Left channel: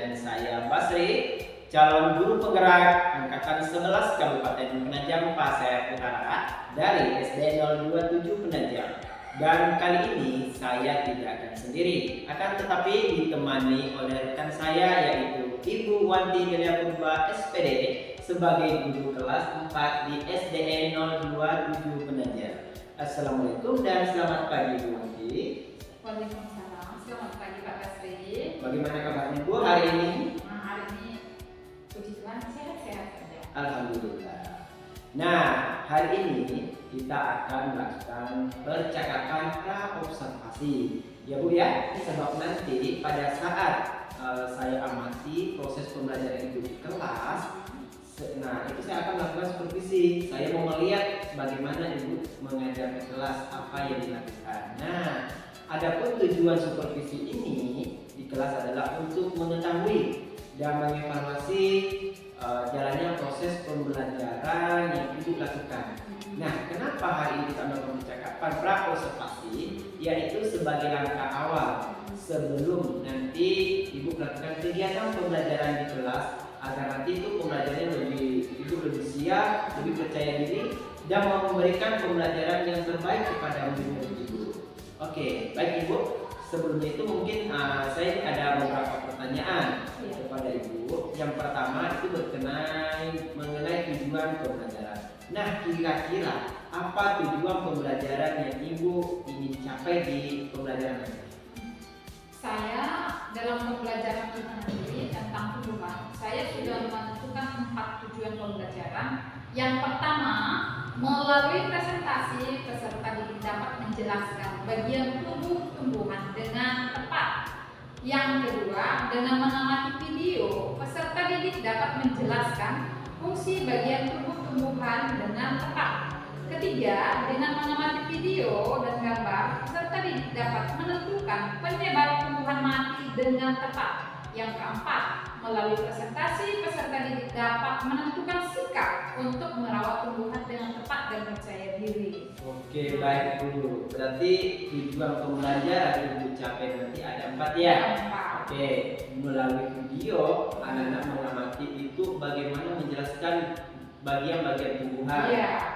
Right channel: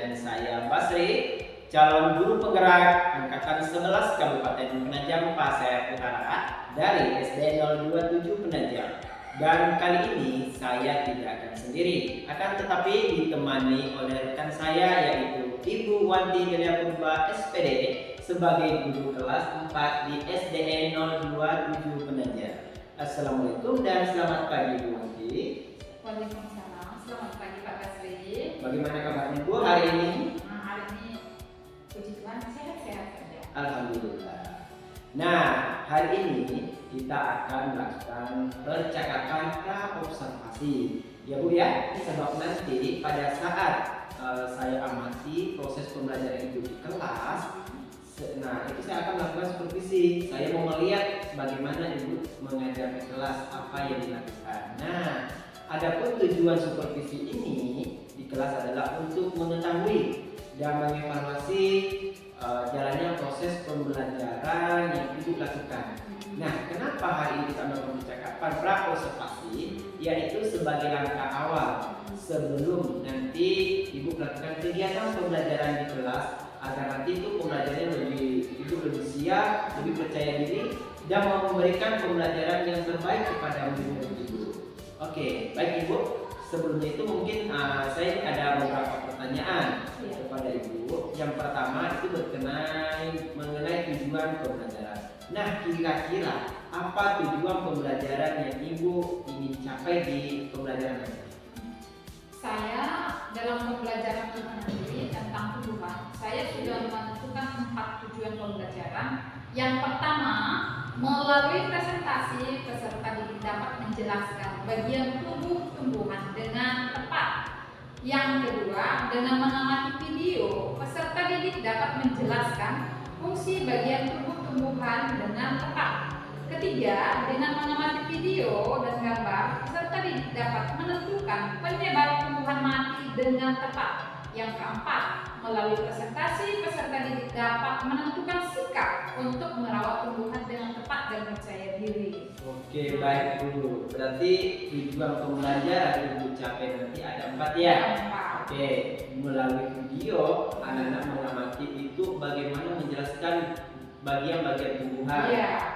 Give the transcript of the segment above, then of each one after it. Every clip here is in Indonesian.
dengan saya Basri, calon guru penggerak angkatan 11 Kabupaten Penajam Pasir Utara dari SD 027 Penajam. Dan kali ini saya tidak akan sendiri, akan tetapi ditemani oleh rekan saya yaitu Ibu Wanti Delia Purba SPD sebagai guru kelas 4 di SDN 027 Penajam. Assalamualaikum dan selamat pagi Bu Wanti. Waalaikumsalam, selamat pagi Pak Basri. Bagaimana kabarnya Bu hari ini? Hari ini puji Tuhan sehat-sehat saja. Alhamdulillah. Nah, hari ini kita akan melakukan percakapan pra-observasi. Ya Bu ya, sebab nanti pada saat saya amati proses pembelajaran itu di kelas, nah itu saya akan melakukan supervisi. Saya mau melihat bagaimana Ibu mengajar di kelas, apa yang dilakukan. Nah, adapun tujuan supervisi ini di kelas adalah untuk mengetahui dan mengevaluasi jalannya proses pembelajaran yang Ibu lakukan. Nah, kenapa hari ini kita melakukan percakapan pra-observasi? Yaitu sebagai langkah awal sebelum nanti Ibu melakukan kegiatan pembelajaran di kelas, agar nanti itu pembelajarannya lebih siap, lebih percaya diri, dan memberikan pembelajaran yang terbaik kepada murid-murid Ibu. Oke, baik Ibu. Sebelumnya itu mungkin saya ada beberapa pertanyaan kepada Ibu. Yang pertama itu berkenaan mengenai tujuan pembelajaran. Nah, kira-kira apa tujuan pembelajaran yang Ibu ingin capai di pembelajaran ini? Saya dalam pembelajaran kita nanti tentang tumbuhan, saya sudah menentukan 4 tujuan pembelajaran. Yang pertama, melalui presentasi peserta didik dapat menjelaskan bagian tubuh tumbuhan dengan tepat. Yang kedua, dengan mengamati video, peserta didik dapat menjelaskan fungsi bagian tubuh tumbuhan dengan tepat. Ketiga, dengan mengamati video dan gambar, peserta didik dapat menentukan penyebab tumbuhan mati dengan tepat. Yang keempat, melalui presentasi, peserta didik dapat menentukan sikap untuk merawat tumbuhan dengan tepat dan percaya diri. Oke, baik Bu. Berarti tujuan pembelajaran yang Ibu capai nanti ada 4 ya? Oke, melalui video, anak-anak mengamati itu bagaimana menjelaskan bagian-bagian tumbuhan,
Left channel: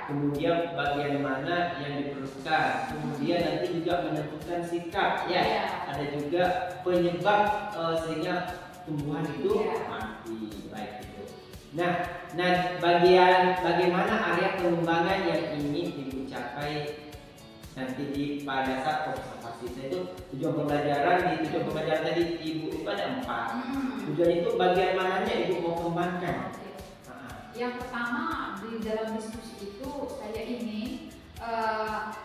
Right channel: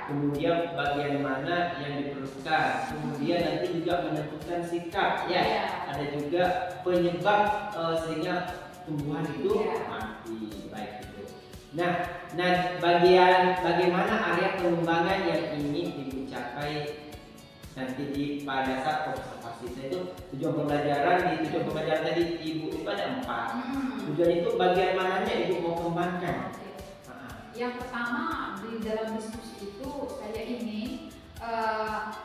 kemudian bagian mana yang diperlukan, kemudian nanti juga menentukan sikap, ada juga penyebab sehingga tumbuhan itu mati, baik itu. Nah, bagaimana area pengembangan yang ingin Ibu capai nanti pada saat observasi? Saya itu tujuan pembelajaran tadi Ibu itu ada 4. Tujuan itu bagian mananya Ibu mau kembangkan? Yang pertama, di dalam diskusi itu saya ingin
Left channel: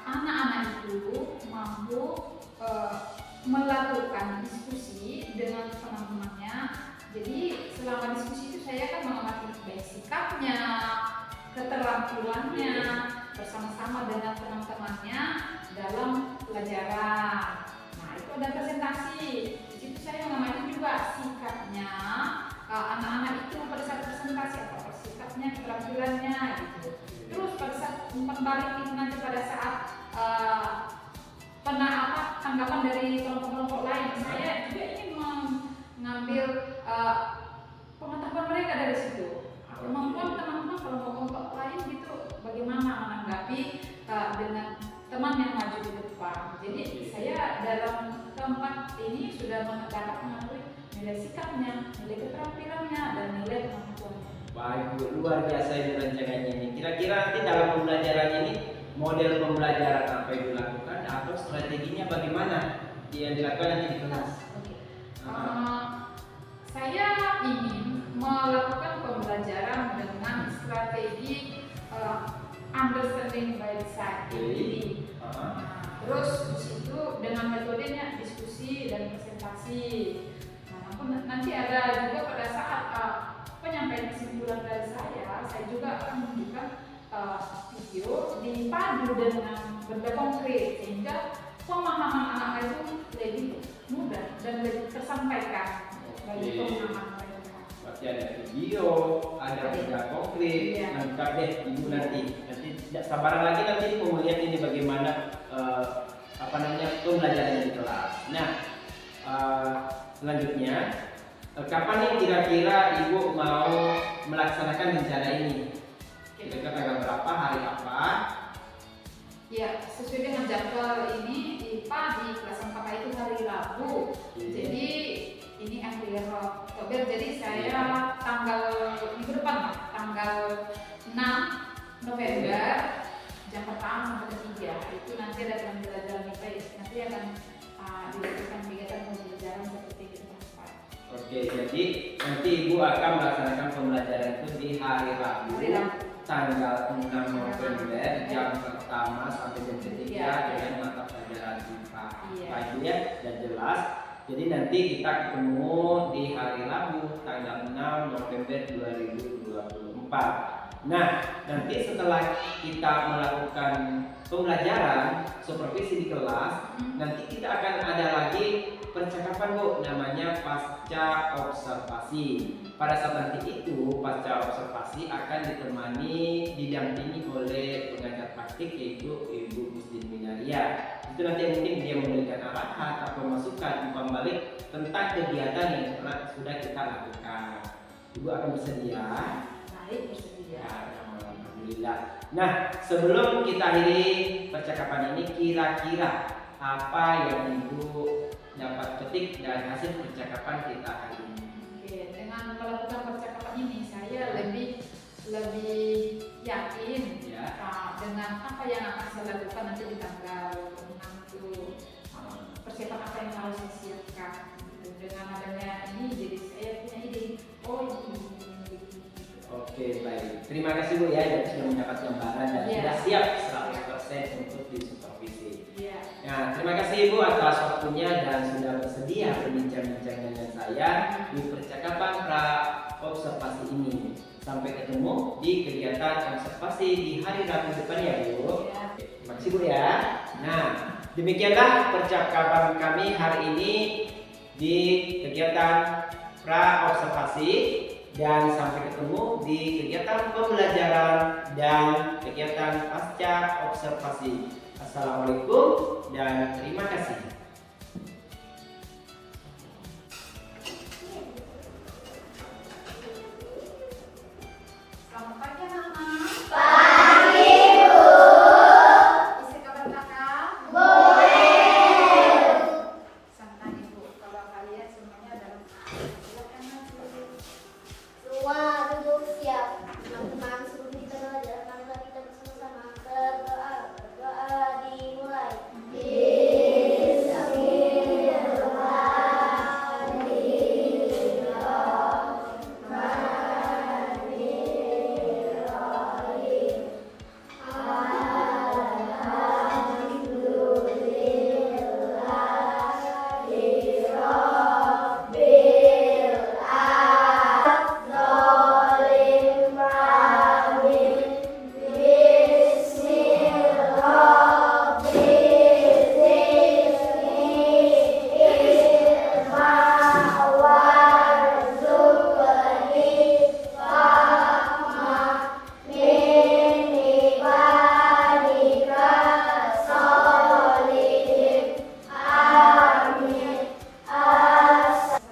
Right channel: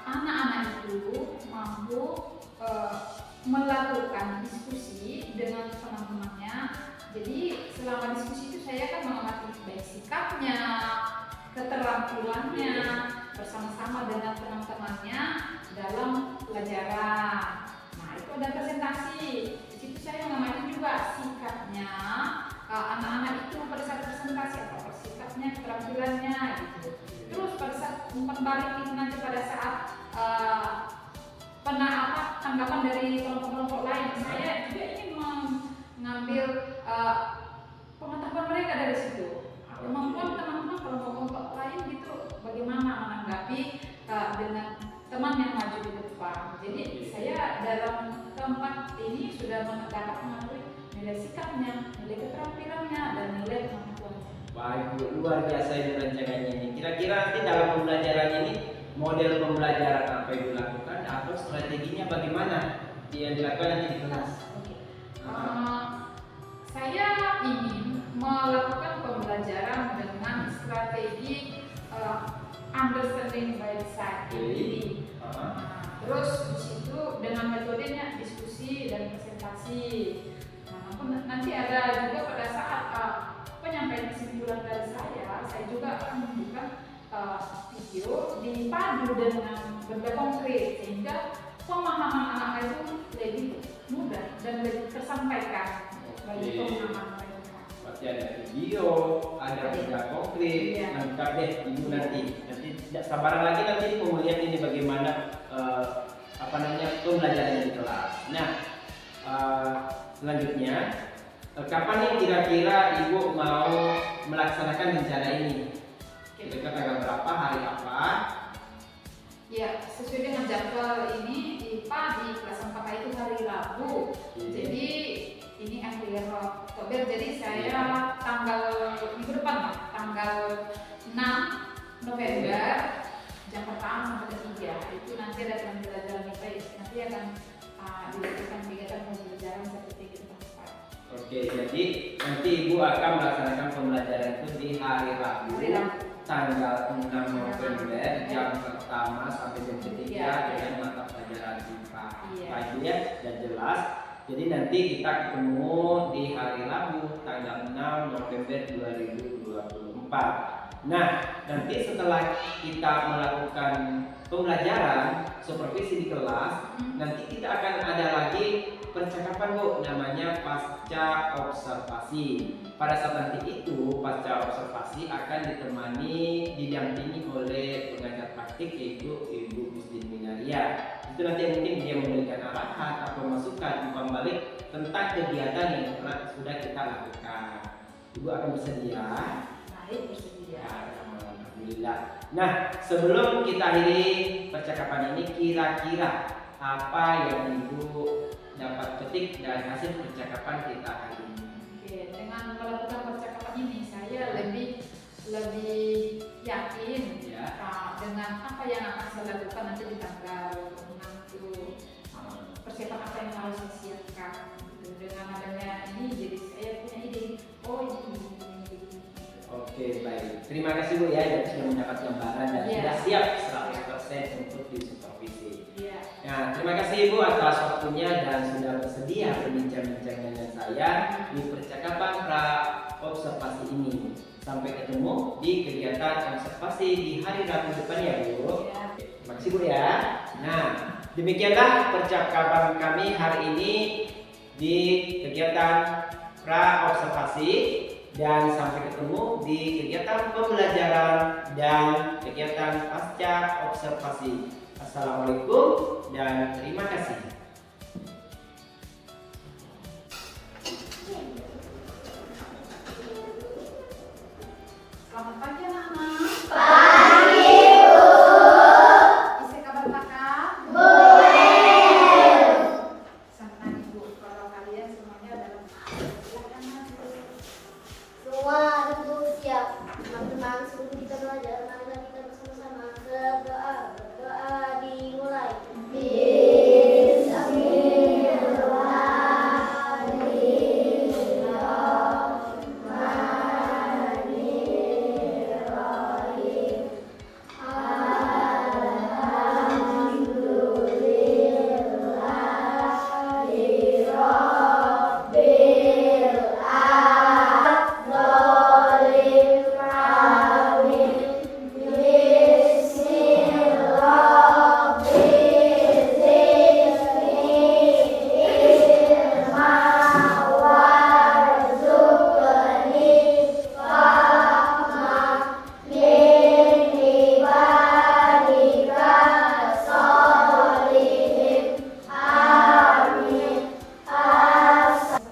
anak-anak itu mampu melakukan diskusi dengan teman-temannya. Jadi selama diskusi itu saya akan mengamati baik sikapnya, keterampilannya bersama-sama dengan teman-temannya dalam pelajaran. Nah, itu ada presentasi. Di situ saya mengamati juga sikapnya anak-anak itu pada saat presentasi, apa sikapnya, keterampilannya gitu. Terus pada saat kembali itu nanti pada saat tanggapan dari kelompok-kelompok lain, saya juga ingin mengambil pengetahuan mereka dari situ. Kemampuan teman-teman kelompok-kelompok lain gitu, bagaimana menanggapi dengan teman yang maju di depan. Jadi saya dalam keempat ini sudah dapat mengetahui nilai sikapnya, nilai keterampilannya, dan nilai kemampuannya. Baik Bu, luar biasa Ibu rencananya ini. Kira-kira nanti dalam pembelajaran ini model pembelajaran apa Ibu lakukan atau strateginya bagaimana yang dilakukan nanti di kelas? Saya ingin melakukan pembelajaran dengan strategi understanding by side. Terus di situ dengan metodenya diskusi dan presentasi. Nanti ada juga pada saat penyampaian kesimpulan dari saya juga akan menunjukkan video dipadu dengan benda konkret sehingga pemahaman anak itu lebih mudah dan lebih tersampaikan bagi pemahaman mereka. Berarti ada video, ada benda konkret, lengkap deh Ibu nanti tidak sabaran lagi nanti mau melihat ini bagaimana pembelajaran di kelas. Nah, selanjutnya Kapan nih kira-kira Ibu mau melaksanakan rencana ini? Kira-kira tanggal berapa, hari apa? Ya, sesuai dengan jadwal ini IPA di kelas 4 itu hari Rabu. Jadi ini akhir Oktober. Jadi saya tanggal minggu depan, Pak, tanggal 6 November jam pertama sampai ketiga itu nanti ada pembelajaran IPA. Nanti akan dilakukan kegiatan pembelajaran seperti itu, Pak. Oke, jadi nanti Ibu akan melaksanakan pembelajaran itu di hari Rabu. Tanggal 6 November jam pertama sampai jam ketiga dengan mata pelajaran IPA. Pak Ibu ya, dan jelas. Jadi nanti kita ketemu di hari Rabu tanggal 6 November 2024. Nah, nanti setelah kita melakukan pembelajaran supervisi di kelas, nanti kita akan ada lagi percakapan Bu, namanya pasca observasi. Pada saat nanti itu pasca observasi akan didampingi oleh pengajar praktik yaitu Ibu Mustin Minaria. Itu nanti mungkin dia memberikan arahan atau masukan umpan balik tentang kegiatan yang sudah kita lakukan. Ibu akan bersedia? Baik, bersedia. Alhamdulillah. Nah, sebelum kita akhiri percakapan ini, kira-kira apa yang Ibu dapat petik dari hasil percakapan kita hari ini? Oke, dengan melakukan percakapan ini saya lebih yakin Ya. dengan apa yang akan saya lakukan nanti di tanggal 6 itu, persiapan apa yang harus saya siapkan gitu. Dengan adanya ini jadi saya punya ide, oh ini. Oke, baik. Terima kasih Bu ya, jadi sudah mendapat gambaran dan sudah siap 100% untuk disupervisi. Nah, terima kasih Ibu atas waktunya dan sudah bersedia berbincang-bincang dengan saya di percakapan pra observasi ini. Sampai ketemu di kegiatan observasi di hari Rabu depan ya Bu. Terima kasih Bu ya. Nah, demikianlah percakapan kami hari ini di kegiatan pra observasi. Dan sampai ketemu di kegiatan pembelajaran dan kegiatan pasca observasi. Assalamualaikum dan terima kasih. Selamat pagi anak-anak. Pagi Bu. Bisa kabar kakak? Boleh. Senang Ibu kalau kalian semuanya dalam keadaan maju. Semua duduk siap. Teman-teman sebelum kita belajar, marilah kita bersama-sama berdoa. Berdoa dimulai.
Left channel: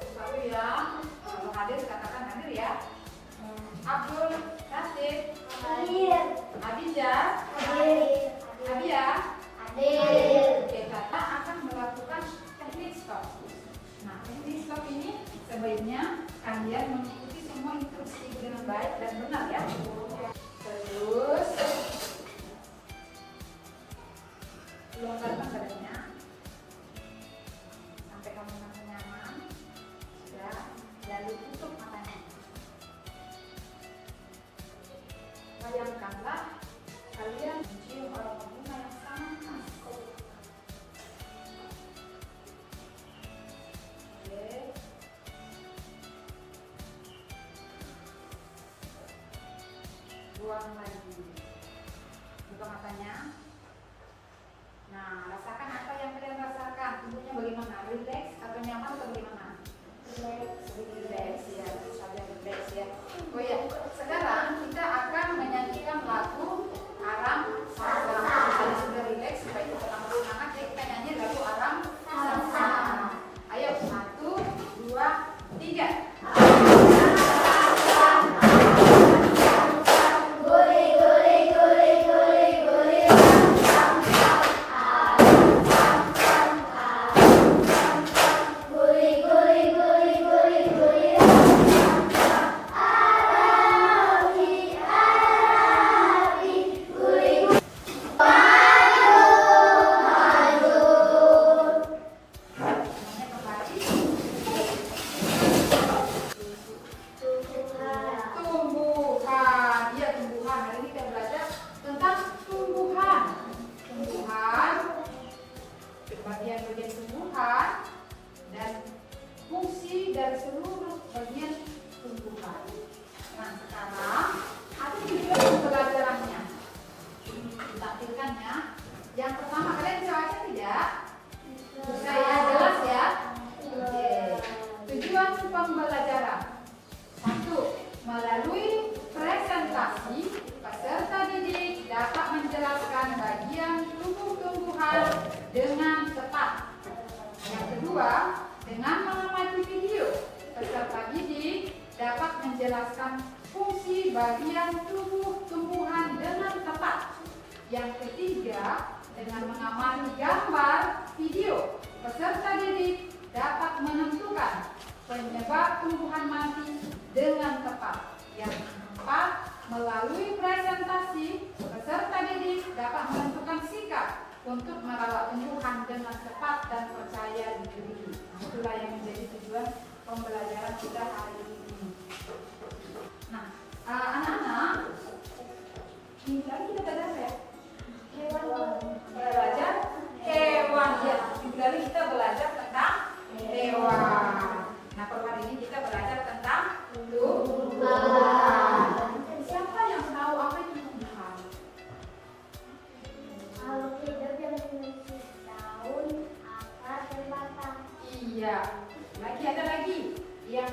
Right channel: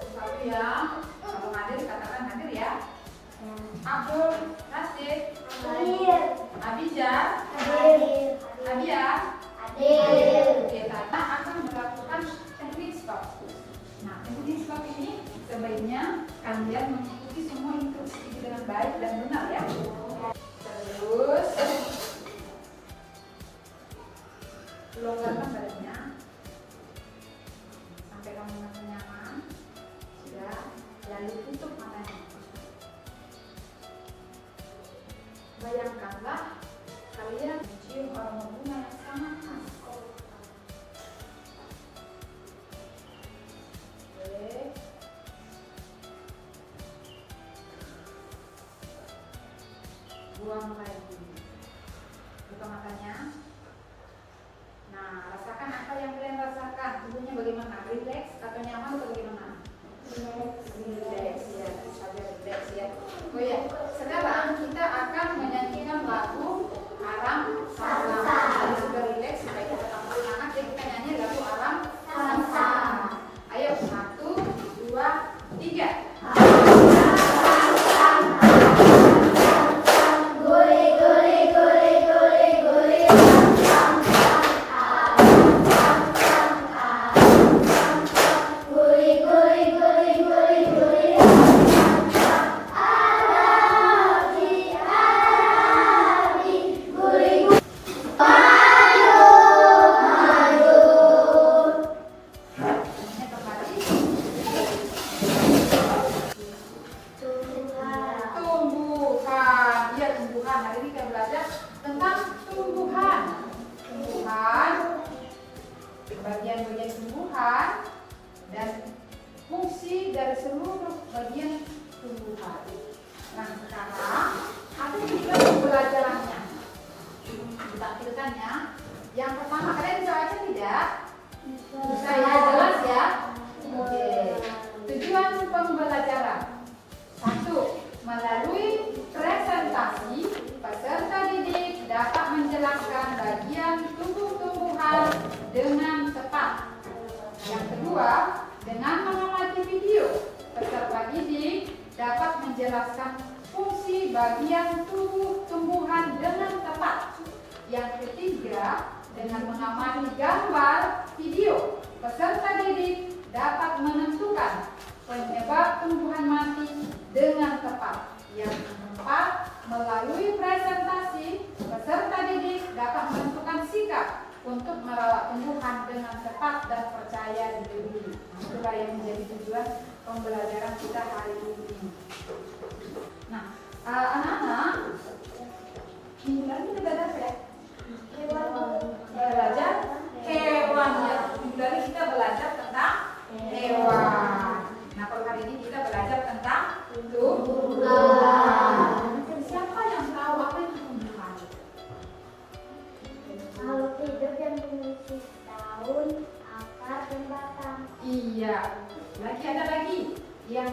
Satu ya. Kalau hadir katakan hadir ya. Abdul, Rashid, Abijah, Abia. Oke, Tata akan melakukan teknik stop. Nah, teknik stop ini sebaiknya kalian mengikuti semua instruksi dengan baik dan benar ya. Terus longgarkan badannya sampai kamu merasa nyaman. Sudah, lalu tutup matanya. Bayangkanlah kalian mencium aroma bunga yang sangat khas. Oke. Buang lagi. Buka matanya. Nah, rasakan apa yang kalian rasakan. Tubuhnya bagaimana? Relax atau nyaman atau bagaimana? Relax ya, relax ya. Oh ya, sekarang kita akan menyanyikan lagu Alam Sama. Sudah relax supaya kita tetap semangat. Jadi kita nyanyi lagu Alam Sama. Ayo, 1, 2, 3. dengan tepat. Yang kedua, dengan mengamati video, peserta didik dapat menjelaskan fungsi bagian tubuh tumbuhan dengan tepat. Yang ketiga, dengan mengamati gambar video, peserta didik dapat menentukan penyebab tumbuhan mati dengan tepat. Yang keempat, melalui presentasi, peserta didik dapat menentukan sikap untuk merawat tumbuhan dengan tepat dan percaya diri. Itulah yang menjadi tujuan pembelajaran kita hari ini. Nah, anak-anak, minggu lalu kita belajar apa ya? Belajar hewan. Ya, minggu lalu kita belajar tentang hewan. Nah, kalau hari ini kita belajar tentang tumbuhan. Siapa yang tahu apa itu tumbuhan? Makhluk hidup yang memiliki daun, akar, dan batang. Iya. Lagi ada lagi yang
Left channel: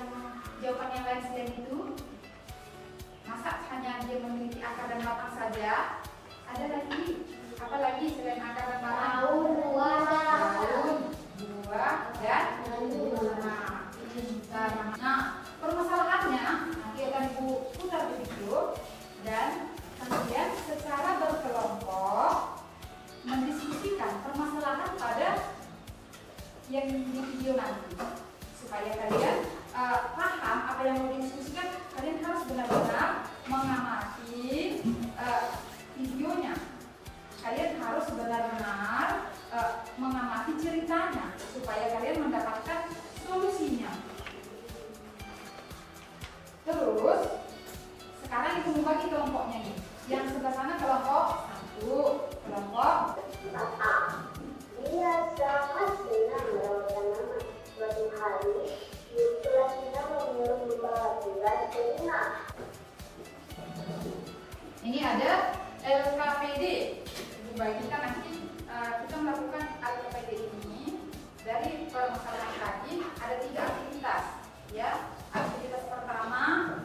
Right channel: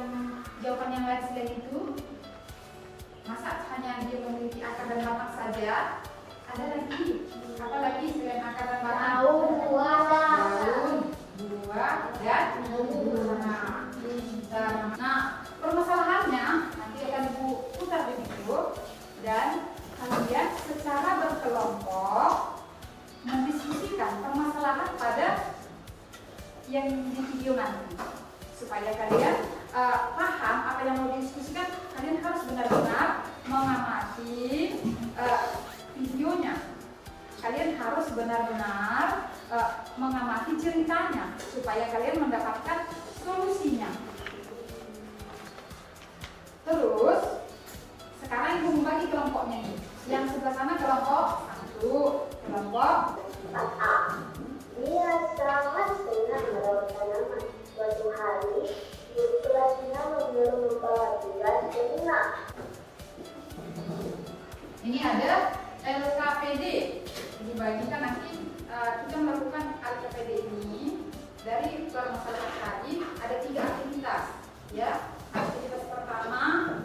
jawaban yang lain selain itu. Masa hanya dia memiliki akar dan batang saja? Ada lagi. Apa lagi selain akar dan batang? Daun, buah, Daun, buah, dan bunga. Pintar. Nah, permasalahannya nanti akan Ibu putar di video dan kalian secara berkelompok mendiskusikan permasalahan pada yang di video nanti. Supaya kalian paham apa yang mau didiskusikan, kalian harus benar-benar mengamati videonya. Kalian harus benar-benar mengamati ceritanya supaya kalian mendapatkan solusinya. Terus sekarang Ibu membagi kelompoknya ini. Yang sebelah sana kelompok 1, kelompok Dia sangat senang merawat tanaman. Suatu hari, guru kelasnya menyuruh membawa tugas ke rumah. ini ada LKPD. Dibagikan nanti kita melakukan LKPD ini dari permasalahan tadi ada 3 aktivitas, ya. Aktivitas pertama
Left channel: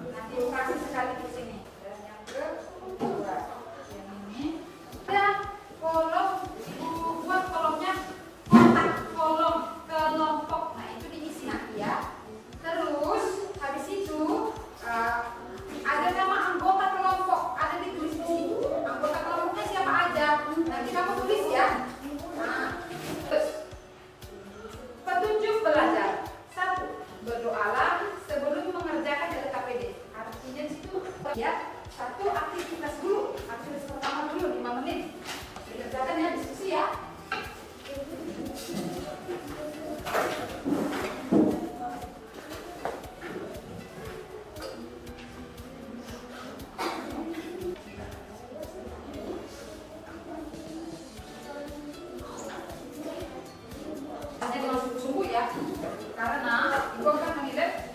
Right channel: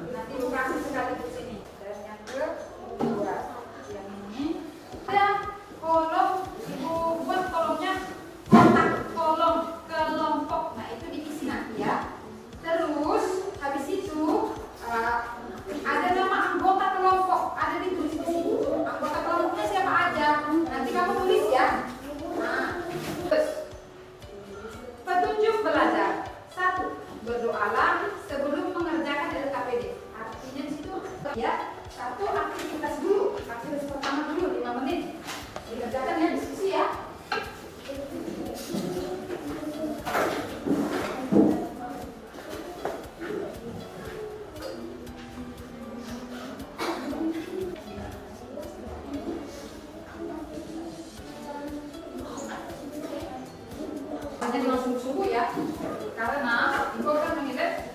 nanti dikasih sekali di sini, dan yang kedua yang ini ada kolom. Ibu buat kolomnya kotak kolom kelompok. Nah itu diisi nanti ya. Terus habis itu ada nama anggota kelompok, ada ditulis di sini. Anggota kelompoknya siapa aja? Nanti kamu tulis ya. Nah, terus petunjuk belajar. 1. Berdoalah sebelum mengerjakan LKPD. Artinya di situ ya, 1 aktivitas dulu. Aktivitas pertama dulu 5 menit. Dikerjakan ya, diskusi ya. Hanya dengan sungguh-sungguh ya, karena ibu akan menilai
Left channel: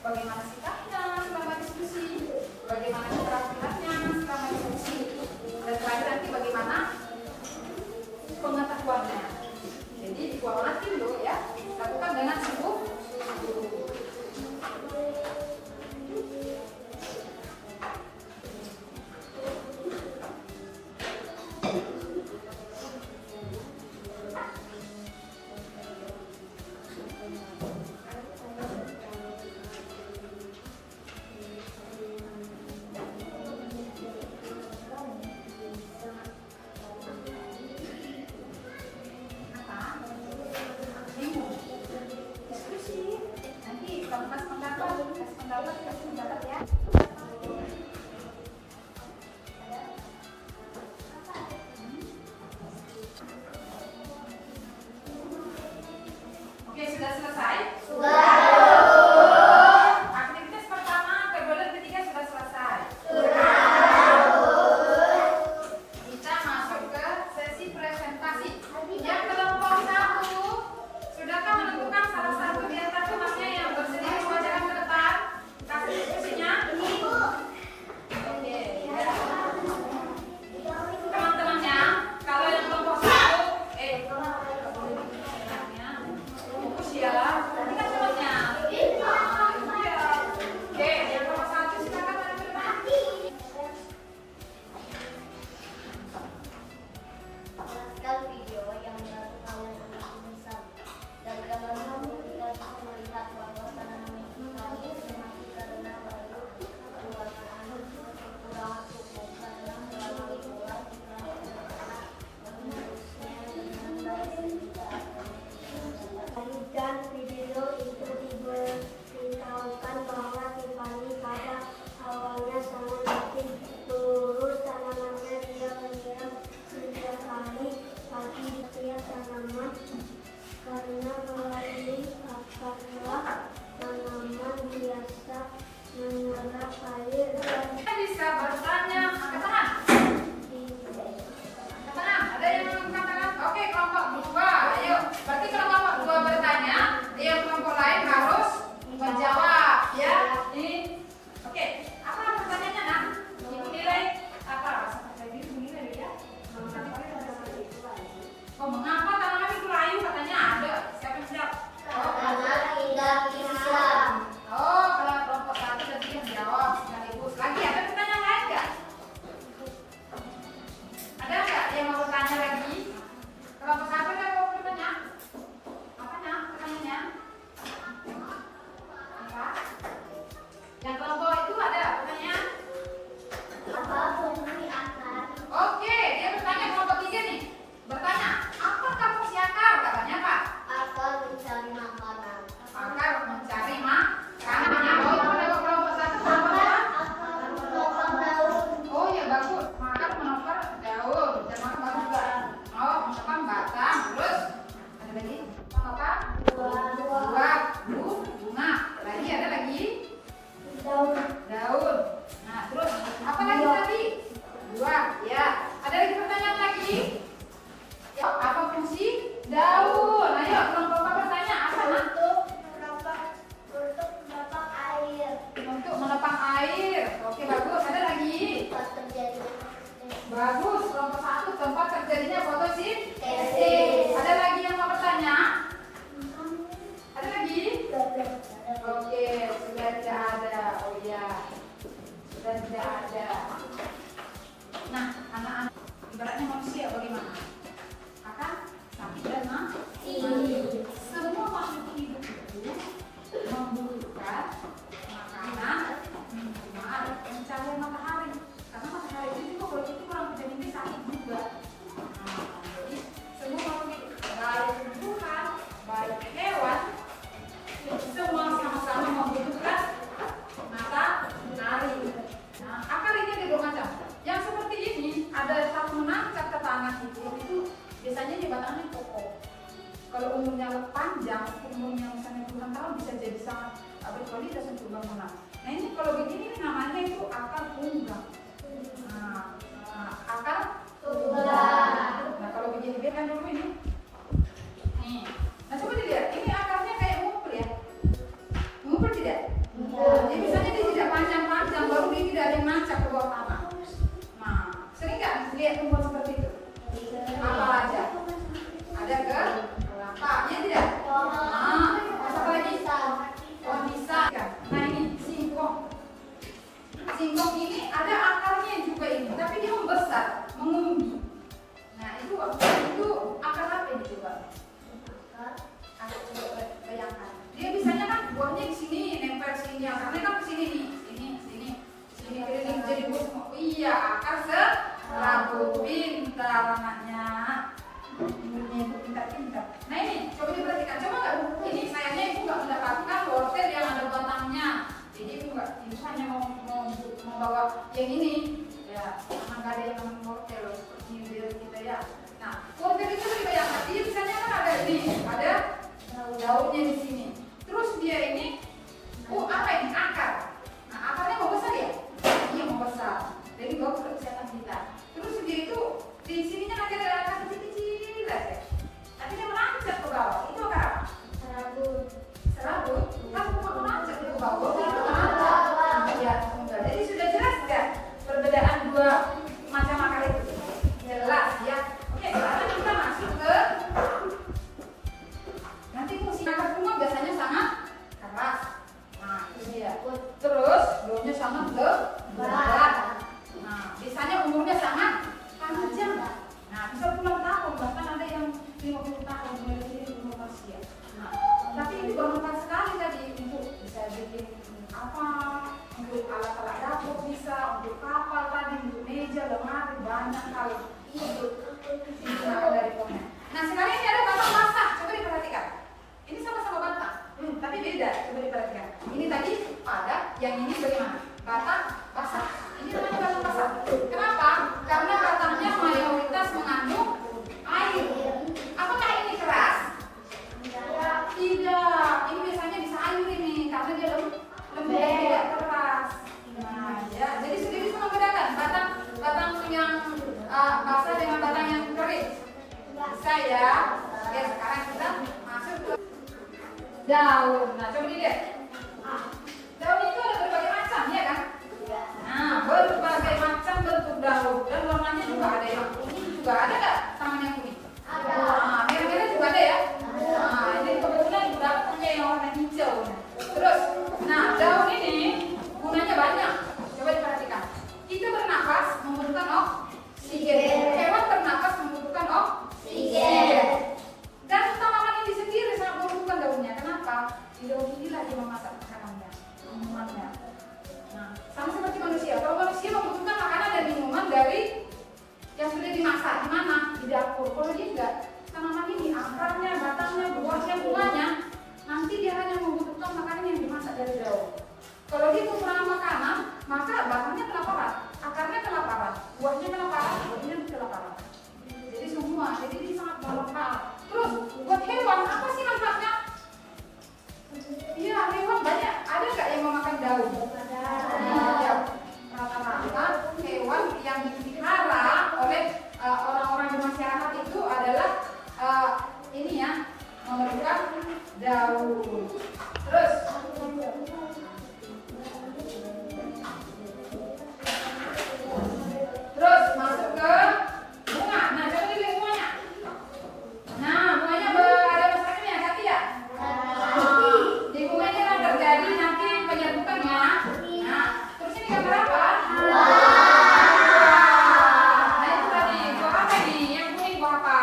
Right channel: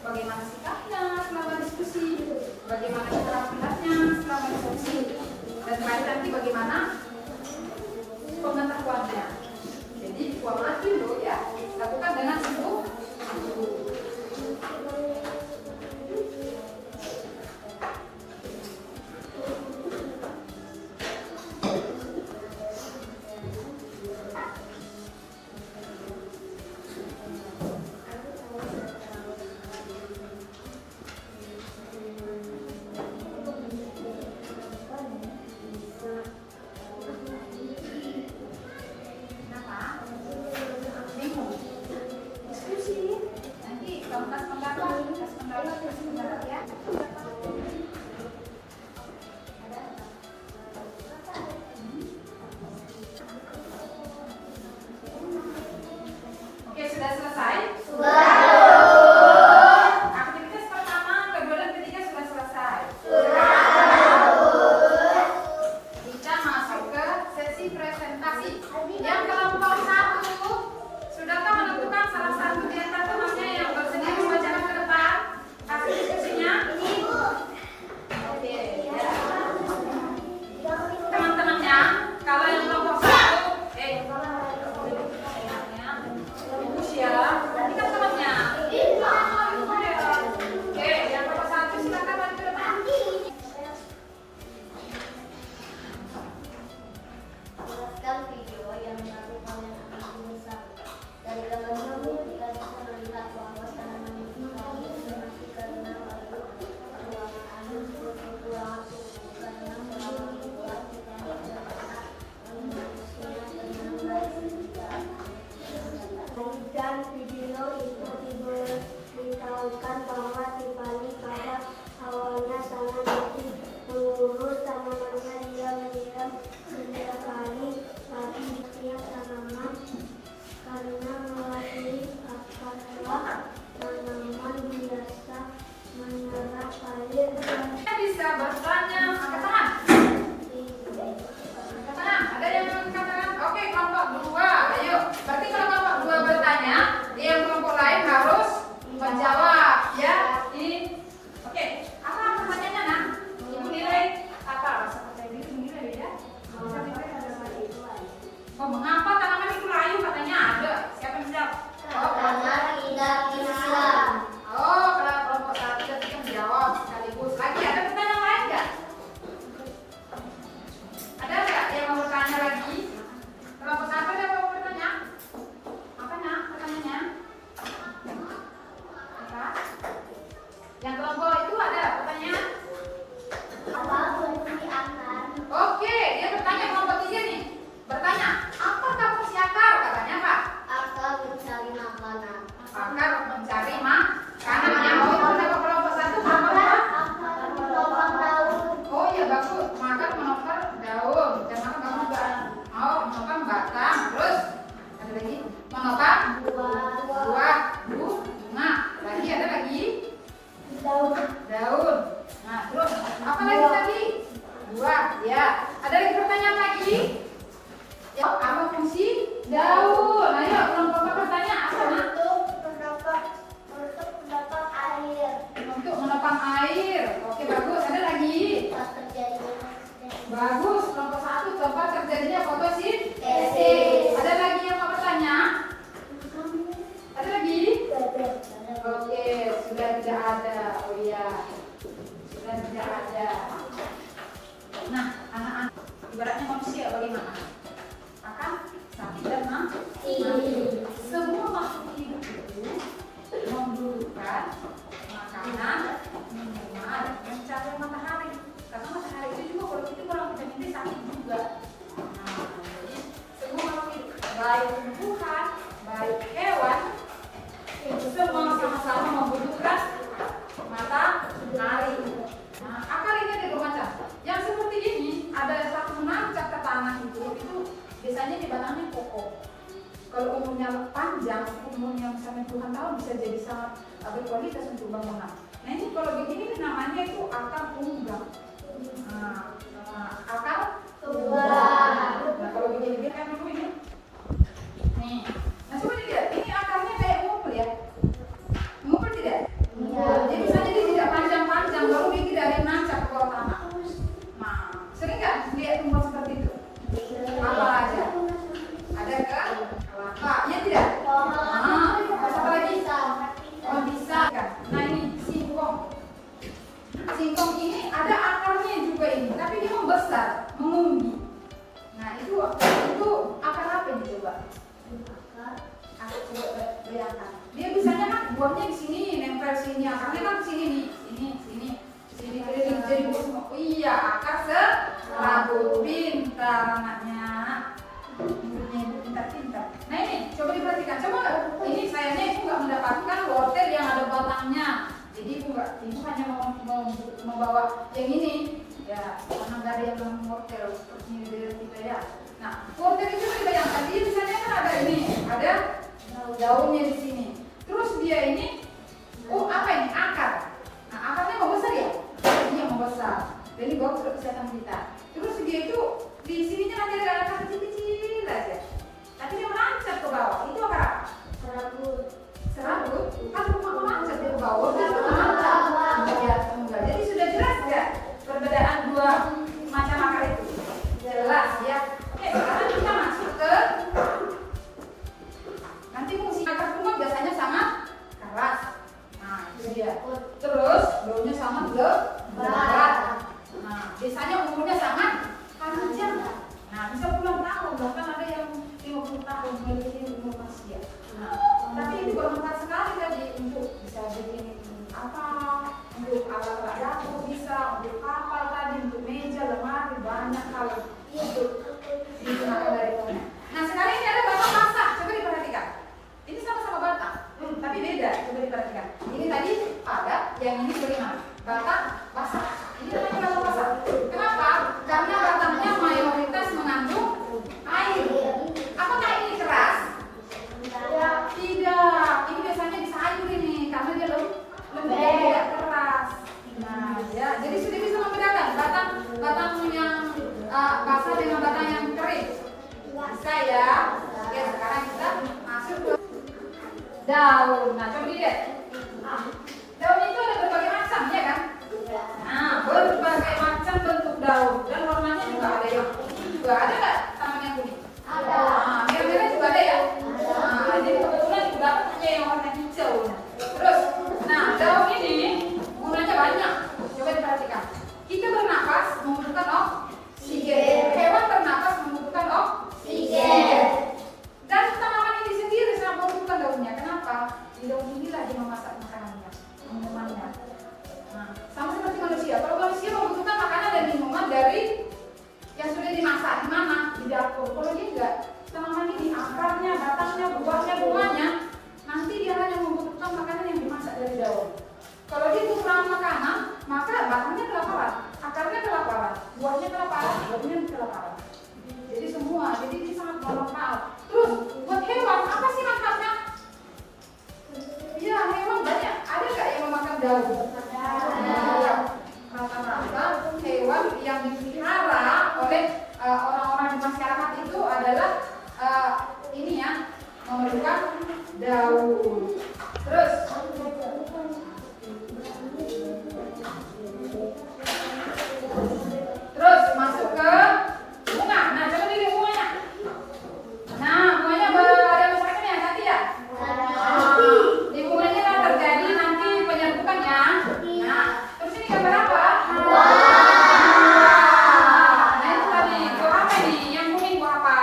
bagaimana sikapnya selama diskusi, bagaimana keterampilannya selama diskusi, dan terakhir nanti bagaimana pengetahuannya. Jadi kualitatif dulu ya, lakukan dengan sungguh-sungguh. menyerap air dan Bisa bertanya, angkat tangan. Angkat tangan. Ada yang angkat tangan? Oke, kelompok 2. Ayo. Berarti kalau kelompok 2 bertanya, yang kelompok lain harus menjawab, ya. Ini. Oke. Apa pertanyaannya, Nak? Ibu nilai apa? Seperti ini nilai ya. Oh, mengapa tanaman itu layu? Katanya ada. Siapa yang jawab? Oh, karena tidak Islam. Oh, kalau kelompok 1 tadi kan jawab sekaligus. Lagi ada pertanyaan lain nggak? Ada nggak yang mau bertanya lagi? Kelompok 1 ada mau bertanya? Apa nak pertanyaannya? Apa? Yang kelompok itu ada pertanyaan? Apa fungsi akar? Oke, dia bertanya kelompok 3 nih. Bertanya, apa fungsi akar? Katanya Pak. Akar mencari makanan. Akar mencari makanan. Yang mau mendapat kelompok 1 kelompok Akar 2? menopang daun. Oh iya bagus, makan menopang daun, dan makan bagus juga. Oh menopang batang, terus ada lagi menopang buah, bunga. Lagi ada lagi daun. Nah terus apa lagi tadi? Buah, ya. Ada lagi pertanyaan lagi? Ya apa fungsi daun? Ayo kelompok bertanya apa nak? Untuk menopang air. Untuk menopang air. Oke bagus. Ada lagi? Tempat terjadinya Bagus, kelompok 1 tempat terjadinya fotosintesis. Ada lagi yang mau bertanya? Ada lagi? Oke, sudah tidak ada. Oh iya, sudah tidak ada. Nah, anak-anak ibaratnya manusia bagaimana? Akan sakit dan mati. Semua makhluk hidup itu membutuhkan makanan, minuman, dan cahaya matahari. Karena matahari itu juga kalau itu kurang vitamin D sakit juga. Nah, jadi semua makhluk hidup, baik tumbuhan, baik hewan, itu semua sama-sama membutuhkan matahari. Nah, akar ini ada 2 macam. Yang seperti ini ada satu menancap ke tanah itu biasanya di batangnya pokok. Kalau umurnya panjang, umurnya misalnya puluhan tahun bisa jadi sangat berkualitas untuk bangunan. Nah ini kalau begini namanya itu akar unggang. Akar Tulang. Nah kalau begini kan dulu ini. Nih. Nah coba dilihat, ini akarnya kayak ngumpul ya. Ngumpul tidak? Iya. Jadi misalnya dia tidak panjang-panjang, baru dia tidak ada yang nancap ke bawah tanah. Nah, sering nggak lihat tumbuhan seperti itu? Apa aja? Ada ke kelapa, iya tidak? Apa lagi? Oh bisa kan? Nah ini singkong. Singkong ini ada akarnya juga ini, tapi dia membesar, mengumbi. Nah itu akar apa ini coba? Aku coba bayangkan. Dia biasanya kan buahnya di sini, nempel sini, akarnya kan sini nih, sini keliling jadi buah semua. Iya, akar serabu. Pintar anaknya. Pintar. Nah ini coba diperhatikan, coba nggak? Ini sayangnya ibu nggak mendapatkan wortel yang ada batangnya. Jadi ibu hanya membawa yang ini. Ya, karena nggak ada yang wortel seperti ini biar kita ya. Nah, wortel itu dibayangkan, dia misalnya kan ada ini, ada daunnya di sini. Terus dia ini, apa ini? Akar. Nah, akarnya mau besar ya? Iya mau besar. Jadi bagus untuk kesehatan kita. Terus dia itu di sininya nanti ada akar kecil-kecil aja. Nanti dia melancar ke bawah. Itu akar apa? Serabut. Kan bunga melancar dia ke bawah. Ya, enggak. Jadi sudah jelas nggak perbedaan 2 macam akar itu? Jelas ya. Oke, sekarang kita masuk ke nanti fungsi akar bunga biasanya sangat keras. Nah, itu dia. Terus daunnya sangat lebat. Nah, biasanya umurnya sangat panjang. Nah, bisa puluhan tahun, bahkan ada yang 50 tahun memiliki umur manusia. Nah, tapi itu bermanfaat sekali tadi untuk bisa bikin apa, untuk alat-alat dapur bisa, untuk kapal tadi, untuk meja, lemari, banyak hal hidup digunakan dari pohonnya. Nah, sekarang ini ada batang masak, coba diperhatikan. Ini sama-sama batang, tapi beda. Coba diperhatikan. Ini tadi padat, yang ini bagaimana? Batang basah. Ini namanya batang basah. Kenapa? Karena batangnya mayoritas mengandung air. Apakah ini keras? Tidak. Ini biasanya di sayur ini, karena dia lembek, tidak keras. basah dengan batang yang kering? Bisa ya. Oke, sekarang kita masuk ke daun. Nah, coba dilihat. Daun itu ada berbagai macam, ya kan? Nah, berbagai macam bentuk daun dan warnanya juga ada yang kuning juga. Ada nggak taman yang kuning? Ada. Nah, merah-merah juga ada ya? Nah, jadi kebetulan juga punya yang warna hijau. Terus, nah daun ini gunanya banyak. Coba diperhatikan. Kita bernapas membutuhkan oksigen. Hewan bernapas membutuhkan oksigen. Dan tanaman ini sendiri sangat membutuhkan daunnya. Kenapa? Di daun inilah dia memasak makanannya, minumannya. Nah, sama seperti manusia. Kalau manusia membutuhkan makanan dan minuman dari yang sudah dimasak, di mana? Di dapur. Kalau dia enggak, tanaman ini akarnya, batangnya, buahnya, bunganya, nanti dia hanya membutuhkan makanan yang dimasak dari daun. Kalau dia kekurangan makanan, maka batangnya kelaparan, akarnya kelaparan, buahnya kelaparan, daunnya kelaparan. Jadi semua, jadi ini sangat bermanfaat. Terus buat hewan, apa sih manfaatnya? Iya, hewan banyak. Ada nggak yang memakan daun? Ada. Rata-rata hewan yang dipelihara oleh orang-orang di masyarakat itu adalah ini ya, memerlukan daun. Terus masuk ke bunga. Nah, coba dilihat bunganya. Nah, bunganya ada masakannya, cantik ya? Di bunganya lah terjadi nanti penyerbukannya. Nah, terus ini gambar apa? Nah, itu tadi buah apa nih? Yang kuning buah apa?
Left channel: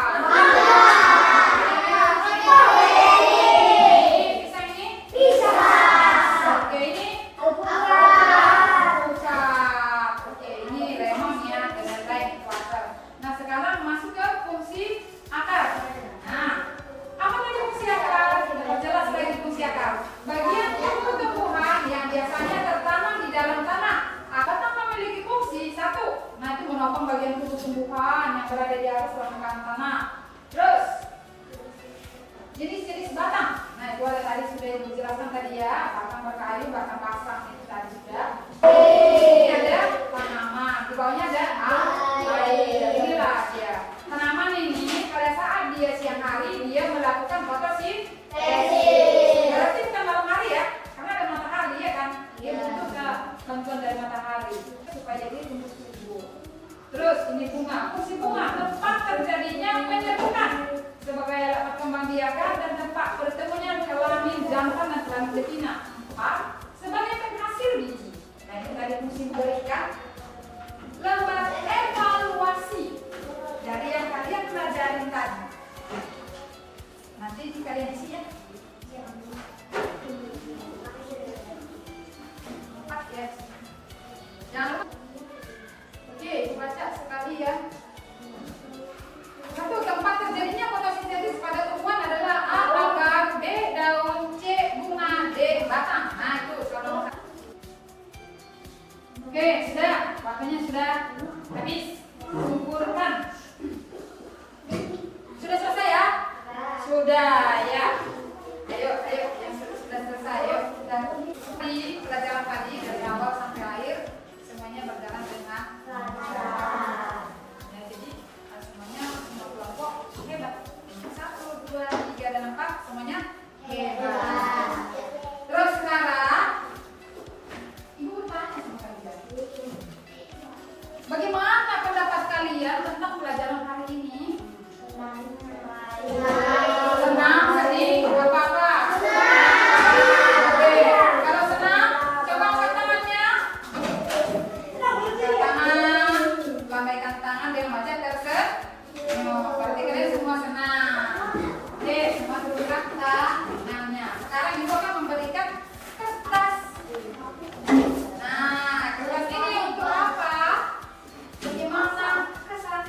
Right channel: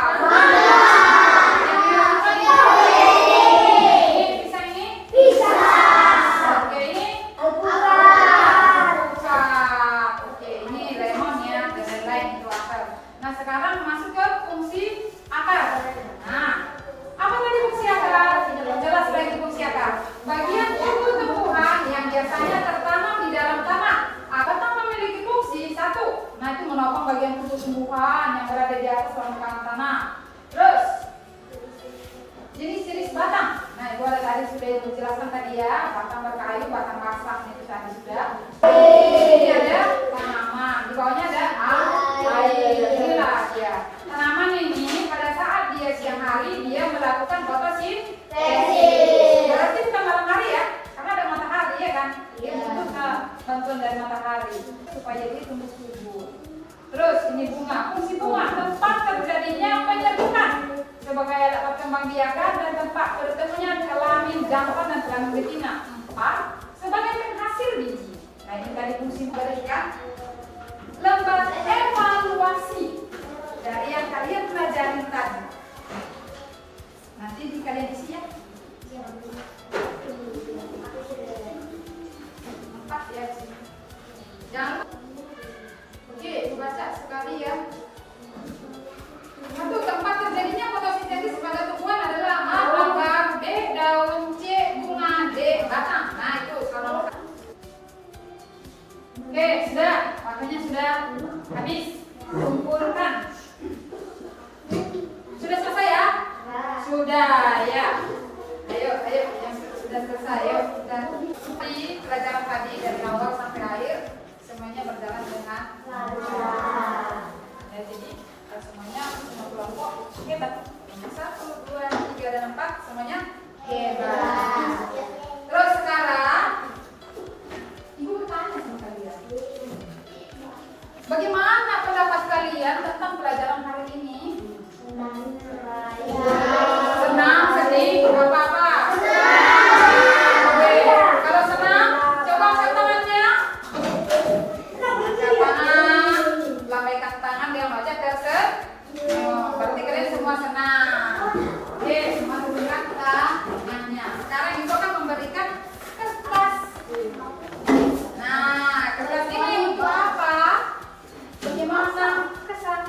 Bagian tumbuh-tumbuhan yang biasanya tertanam di dalam tanah akan memiliki fungsi satu. Nah, itu menopang bagian tumbuh-tumbuhan yang berada di atas permukaan tanah. Terus jenis-jenis batang. Nah, itu ada tadi sudah dijelaskan tadi ya, batang berkayu, batang pasrah itu tadi sudah. Ini ada tanaman, di bawahnya ada air. Inilah ya. Tanaman ini pada saat dia siang hari dia melakukan fotosintesis. Berarti bukan malam hari ya, karena ada matahari ya kan, dia butuh bantuan dari matahari supaya dia tumbuh subur. Terus ini bunga, fungsi bunga tempat terjadinya penyerbukan sebagai alat perkembangbiakan dan tempat bertemunya kelamin jantan dan kelamin betina. 4 sebagai penghasil biji. Nah, ini tadi fungsi memberikan lembar evaluasi dari yang kalian pelajarin tadi. Nanti kalian isi ya. Jangan. Oke, baca sekali ya. Satu, tempat terjadinya fotosintesis pada tumbuhan adalah A. Logam, B. Daun, C. Bunga, D. Batang. Nah, itu kalau oke, sudah. Waktunya sudah habis. Kumpulkan. Sudah selesai ya? Sudah ya. Ayo, yang sudah selesai, ayo. Dan seperti pelajaran tadi dari awal sampai akhir semuanya berjalan dengan lancar. Nah, jadi semuanya semua kelompok hebat. 1, 2, 3 dan 4 semuanya hebat. Terus sekarang Ibu bertanya sama kalian. Bagaimana pendapat kalian tentang pelajaran hari ini? Senang, sedih, apa-apa? Oke, kalau senang, coba angkat tangannya. Tangan, lambaikan tangan, dia baca tersenyum. Berarti kalian semua senang. Oke, semua dudukkan tangannya. Sekarang Ibu akan memberikan kertas. Nah, kertas ini untuk apa? Bagaimana kesan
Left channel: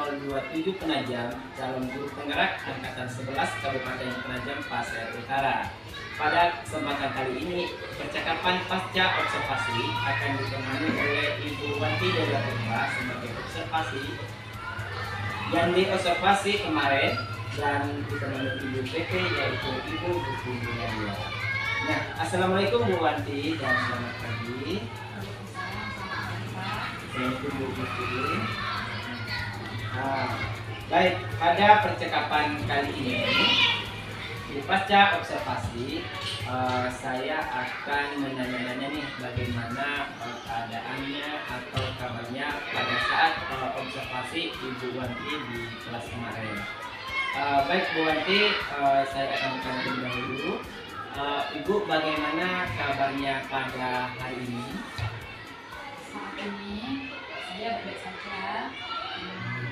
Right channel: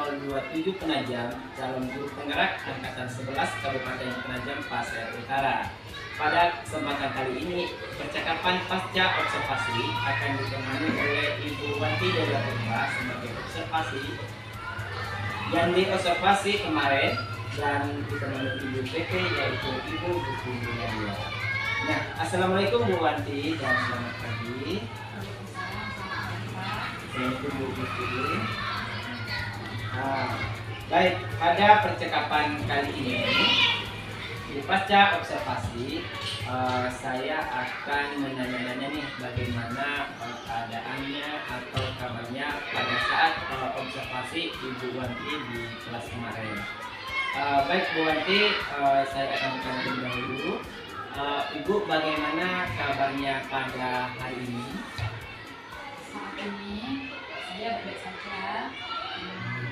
027 Penajam, calon guru penggerak angkatan 11 Kabupaten Penajam Pasir Utara. Pada kesempatan kali ini, percakapan pasca observasi akan ditemani oleh Ibu Wanti dari Latumba sebagai observasi yang diobservasi kemarin dan ditemani Ibu PP yaitu Ibu Gusti Mulia. Nah, assalamualaikum Bu Wanti dan selamat pagi. Assalamualaikum Bu Gusti. Baik, pada percakapan kali ini di pasca observasi saya akan menanya-nanya nih bagaimana keadaannya atau kabarnya pada saat observasi Ibu Wanti di kelas kemarin. Baik Bu Wanti, saya akan bertanya terlebih dahulu. Ibu, bagaimana kabarnya pada hari ini? Saat ini saya baik saja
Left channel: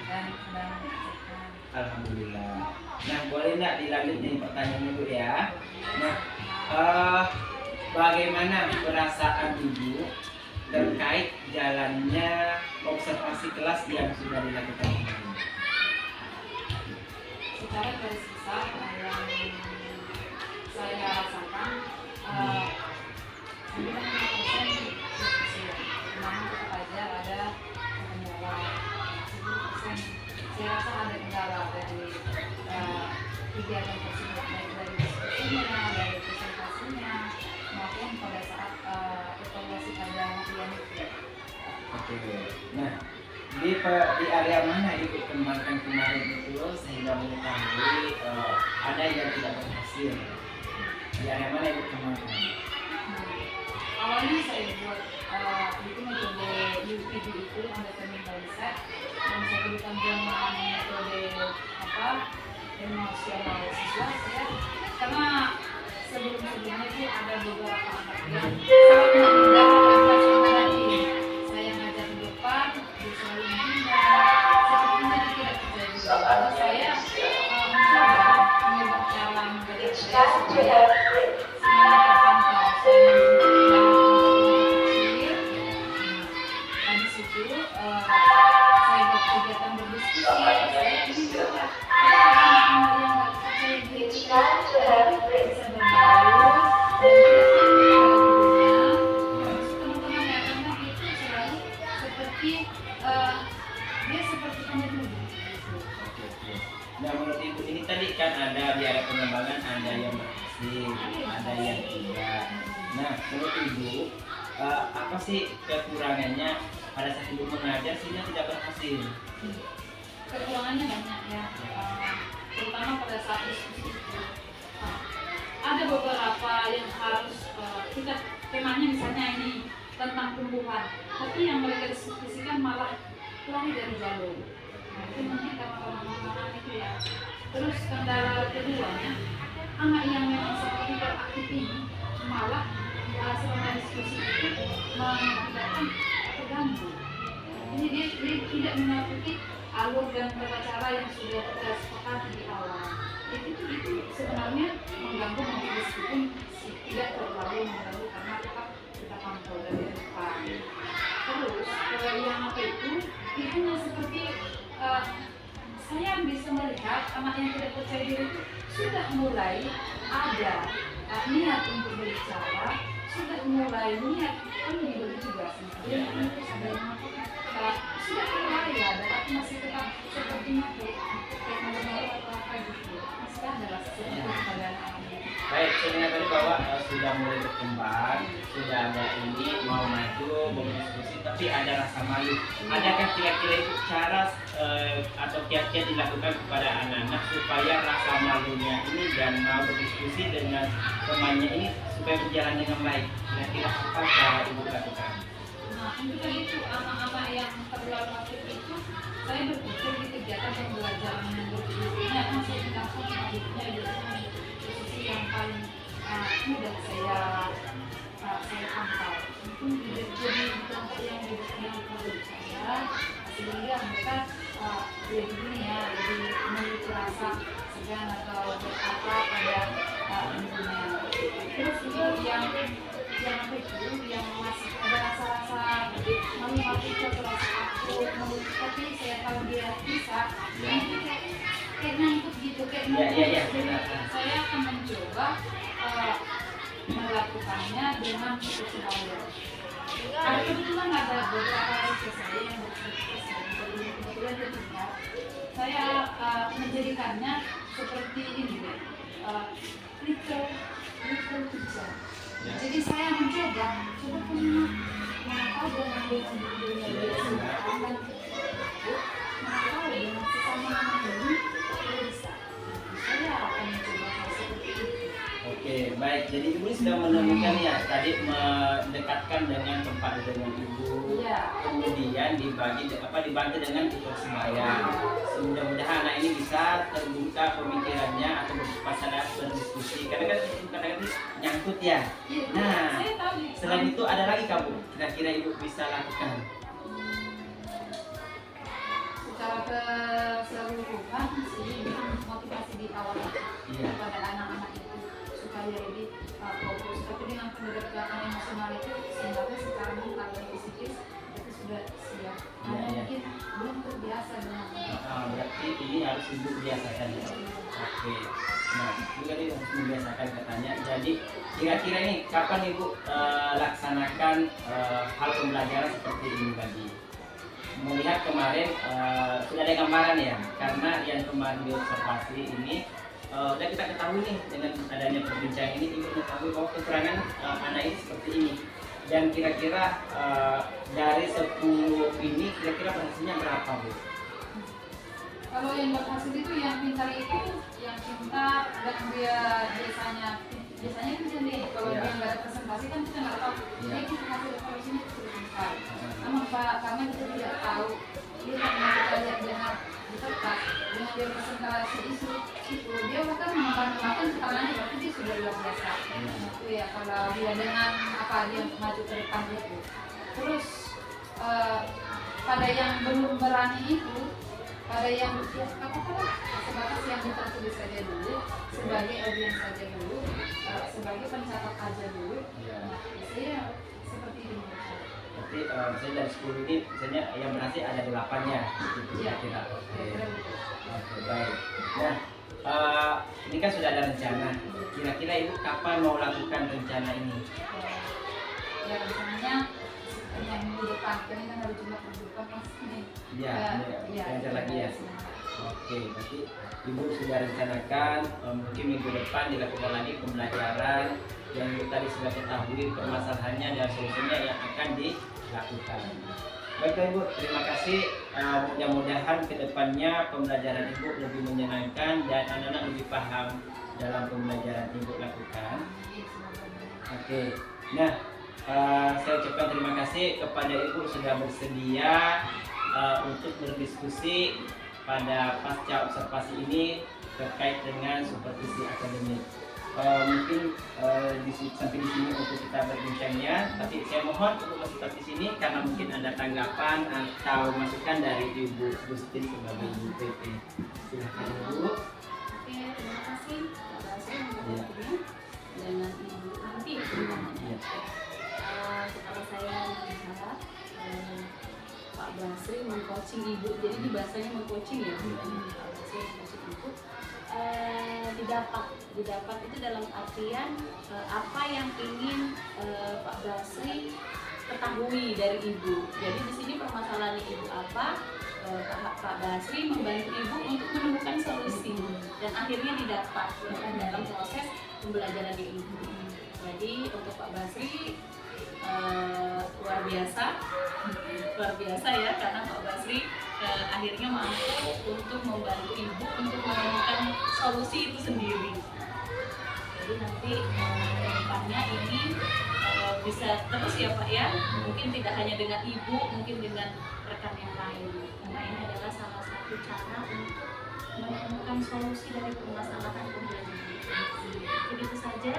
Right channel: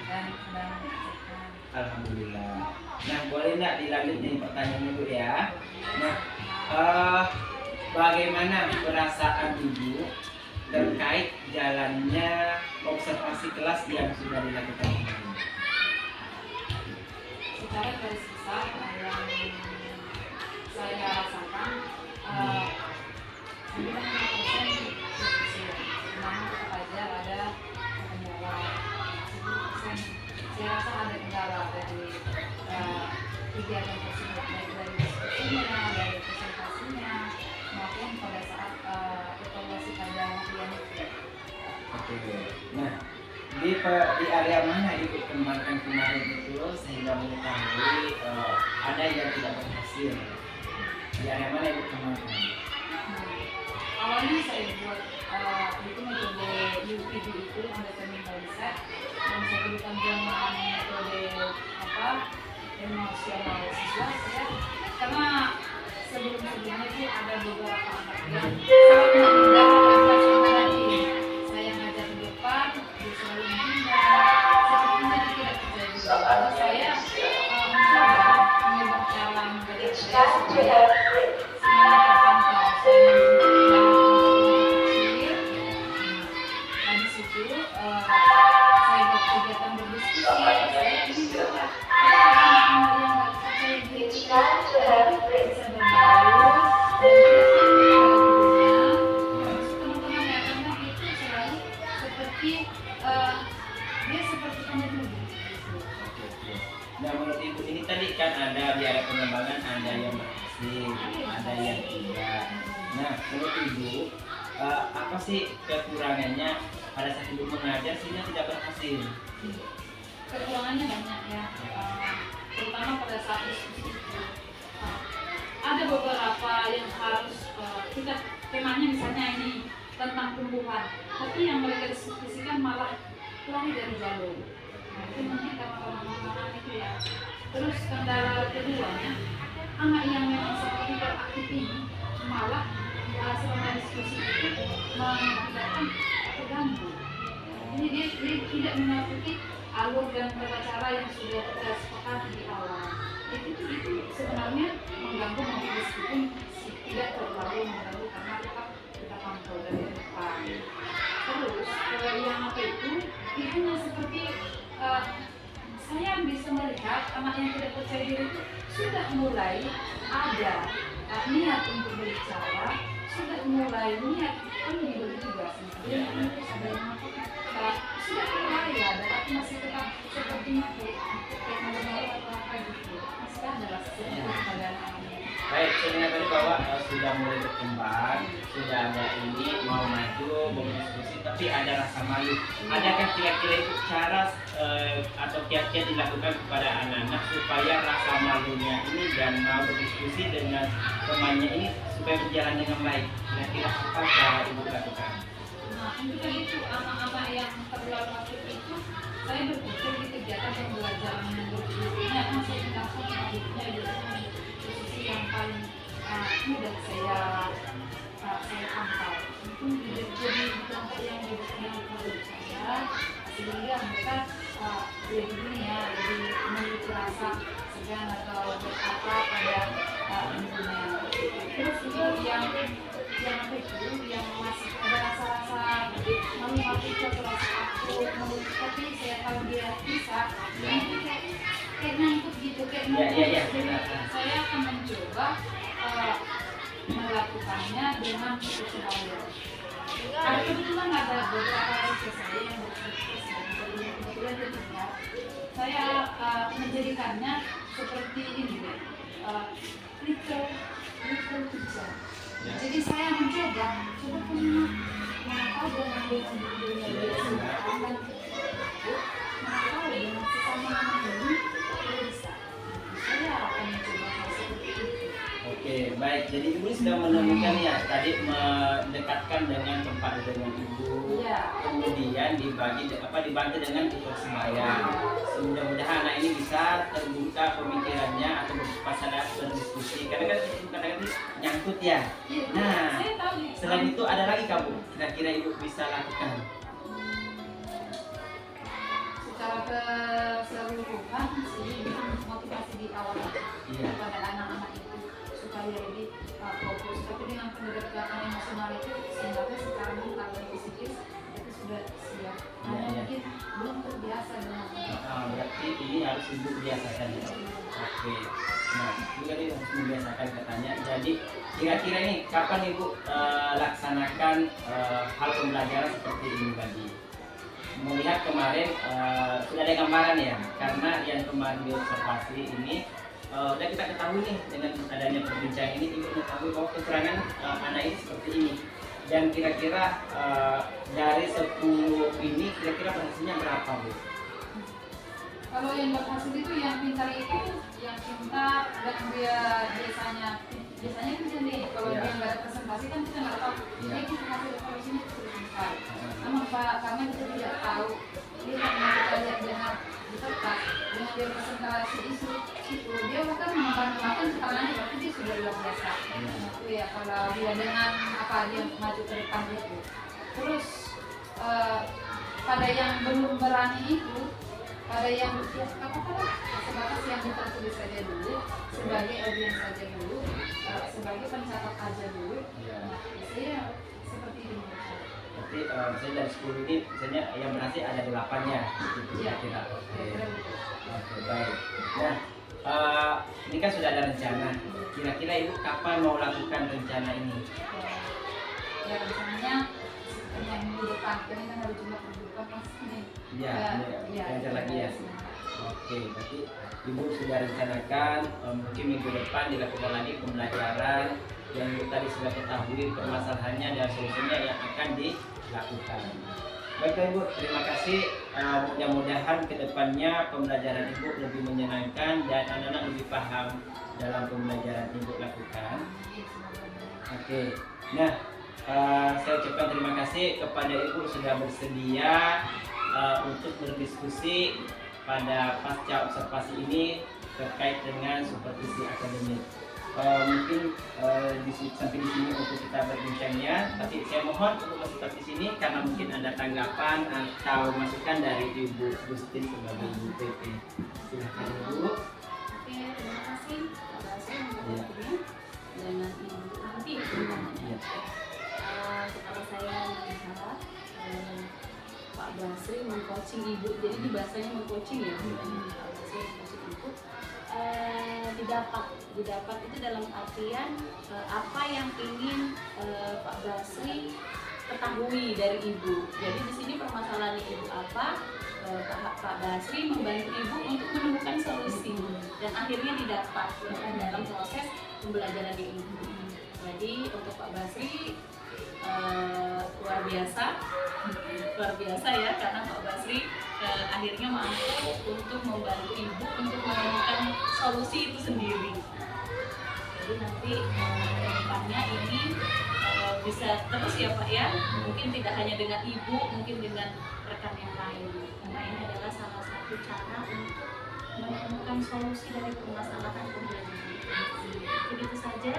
dan sedang sehat. Alhamdulillah. Nah, boleh nggak dilanjut nih pertanyaannya Bu ya? Nah, bagaimana perasaan Ibu terkait jalannya observasi kelas yang sudah dilakukan kemarin? Secara garis besar yang saya rasakan 95% berhasil. Namun tetap aja ada kendala 10%. Saya rasa ada kendala dari kegiatan tersebut, baik dari diskusinya, dari presentasinya, maupun pada saat evaluasi pada materi itu. Oke. Nah, di area mana Ibu kembangkan kemarin itu sehingga mengetahui ada yang tidak berhasil? Di area mana Ibu kembangkan? Awalnya saya buat itu metode UPD itu understanding by research, dan saya berikan dengan metode emosional siswa saya, karena sebelum-sebelumnya itu ada beberapa anak yang sangat menghindar tadi. Saya ngajak di depan, dia selalu menghindar, sepertinya dia tidak percaya diri. Lalu saya mencoba cara mengajar saya supaya semuanya terpantau. Saya saya buat kegiatan berdiskusi, saya ingin juga anak-anak yang nggak percaya diri itu bisa berbaur dan tidak gurunya. Terus teman-teman yang anak itu selalu seperti dia seperti penyembuh gitu. Nah, menurut Ibu ini tadi kan ada di area pengembangan ada yang berhasil, ada yang tidak. Nah, menurut Ibu apa sih kekurangannya pada saat Ibu mengajar sehingga tidak berhasil? Kekurangannya banyak ya, terutama pada saat diskusi itu. Ada beberapa yang harus kita temanya misalnya ini tentang tumbuhan, tapi yang mereka diskusikan malah kurang dari jalur. Nah, itu mungkin karena pemahaman itu ya. Terus kendala keduanya, anak yang memang seperti beraktif ini malah selama diskusi itu mengakibatkan terganggu. Ini dia tidak mengikuti alur dan tata cara yang sudah kita sepakati di awal. Itu sebenarnya mengganggu meskipun tidak terlalu mengganggu karena tetap kita pantau dari depan. Terus yang apa itu seperti saya bisa melihat anak yang tidak percaya diri itu sudah mulai ada niat untuk berbicara, sudah mulai niat ini juga sebenarnya itu sudah sudah mulai ada, tapi masih tetap sepertinya kayak malu-malu atau apa gitu, masih ada lah seperti pada anak-anaknya. Baik, saya dengar tadi bahwa sudah mulai berkembang, sudah ada ini mau maju, mau berdiskusi, tapi ada rasa malu. Adakah kira-kira itu cara atau kiat-kiat dilakukan kepada anak-anak supaya rasa malunya ini dan mau berdiskusi dengan temannya ini supaya berjalan dengan baik? Kira-kira apa cara Ibu lakukan? Nah, untuk itu anak-anak yang terlalu aktif itu, saya berpikir di kegiatan pembelajaran yang berbeda, kan saya tinggalkan selanjutnya di posisi yang paling mudah saya pantau. Mungkin jadi kelompok yang menurut saya, sehingga mereka lebih ini ya, lebih memiliki rasa segan atau berkata pada ibunya. Terus untuk yang pelajaran apa itu yang masih ada rasa-rasa malu-malu atau rasa takut, tapi saya tahu dia bisa, nanti kayak nangkut gitu, kayak nangkut. Saya akan mencoba melakukannya dengan kepercayaan. Ada kebetulan ada beberapa siswa saya yang kebetulan dia tinggal. Saya menjadikannya seperti ini, little teacher. Jadi saya mencoba, coba punya mengapa dengan dunia dan mengapa dengan sesama anak ini bisa. Saya akan mencoba hal seperti itu. Oke, baik. Jadi ibu sudah menemukan ya tadi mendekatkan dengan tempat dengan ibu. Iya. Kemudian dibantu dengan ikut sembahyang. Mudah-mudahan anak ini bisa terbuka pemikirannya atau berpasangan berdiskusi. Karena kan kadang-kadang nyangkut ya. Nah, Saya tahu. selain itu ada lagi kamu kira-kira ibu bisa lakukan? Secara keseluruhan sih motivasi di awal kepada anak-anak itu supaya lebih fokus. Tapi dengan pendekatan emosional itu sehingga secara mental dan psikis itu sudah siap. Hanya mungkin belum terbiasa dengan Berarti ini harus ibu biasakan ya. Oke. Nah, juga dia harus membiasakan katanya. Jadi kira-kira ini kapan ibu laksanakan hal pembelajaran seperti ini tadi? Melihat kemarin sudah ada gambaran ya, karena yang kemarin diobservasi ini udah kita ketahui nih dengan adanya perbincangan ini, ibu mengetahui bahwa kekurangan anak ini seperti ini. Dan kira-kira dari 10 ini kira-kira berhasilnya berapa bu? kalau yang berhasil itu yang pintar dan dia biasanya itu jadi kalau dia nggak ada presentasi kan kita nggak tahu dia kita hasil kalau sini sudah pintar. Namun karena kita tidak tahu dia karena kita lihat dengan di kertas dengan dia presentasi isu itu dia bahkan mengembangkan keterangannya berarti dia sudah luar biasa. Itu ya kalau dia dengan dia maju ke depan itu. Terus pada yang belum berani itu, pada yang katakanlah sebatas yang tertulis saja dulu, sebagai audiens saja dulu, sebagai pencatat aja dulu. Nah, saya seperti ini. Berarti misalnya dari 10 ini misalnya yang berhasil ada 8-nya gitu kira-kira. Oke, baik. Nah, ini kan sudah ada rencana. Kira-kira ibu kapan mau lakukan rencana ini? Ya rencananya yang minggu depan, ini kan harus cuma minggu depan pas ini. Belajar lagi ya. Oke, berarti ibu sudah rencanakan mungkin minggu depan dilakukan lagi pembelajaran yang tadi sudah ketahui permasalahannya dan solusinya yang akan dilakukan. Baiklah ibu, terima kasih. Mudah-mudahan kedepannya pembelajaran ibu lebih menyenangkan dan anak-anak lebih paham dalam pembelajaran ibu lakukan. Oke, nah saya ucapkan terima kasih kepada ibu sudah bersedia untuk berdiskusi pada pasca observasi ini terkait dengan supervisi akademik. Mungkin sampai di sini untuk kita berbincangnya, tapi saya mohon untuk tetap di sini karena mungkin ada tanggapan atau masukan dari Ibu Gustin sebagai Ibu PP. Silakan Ibu. Oke, terima kasih Pak Basri untuk waktunya dengan Ibu Anti sebenarnya. Setelah saya melihat Pak Basri mengcoaching Ibu, jadi di bahasanya mengcoaching ya, Pak Basri mengcoaching Ibu. Didapat itu dalam artian apa yang ingin Pak Basri ketahui dari Ibu. Jadi di sini permasalahan Ibu apa? Pak Basri membantu Ibu untuk menemukan solusi dan akhirnya didapat dalam proses pembelajaran Ibu. Jadi untuk Pak Basri luar biasa ya, karena Pak Basri akhirnya mampu untuk membantu Ibu untuk menemukan solusi itu sendiri. Jadi nanti ke depannya ini bisa terus ya Pak ya, mungkin tidak hanya dengan Ibu, mungkin dengan rekan yang lain, karena ini adalah salah satu cara untuk menemukan solusi dari permasalahan pembelajaran. Jadi itu saja.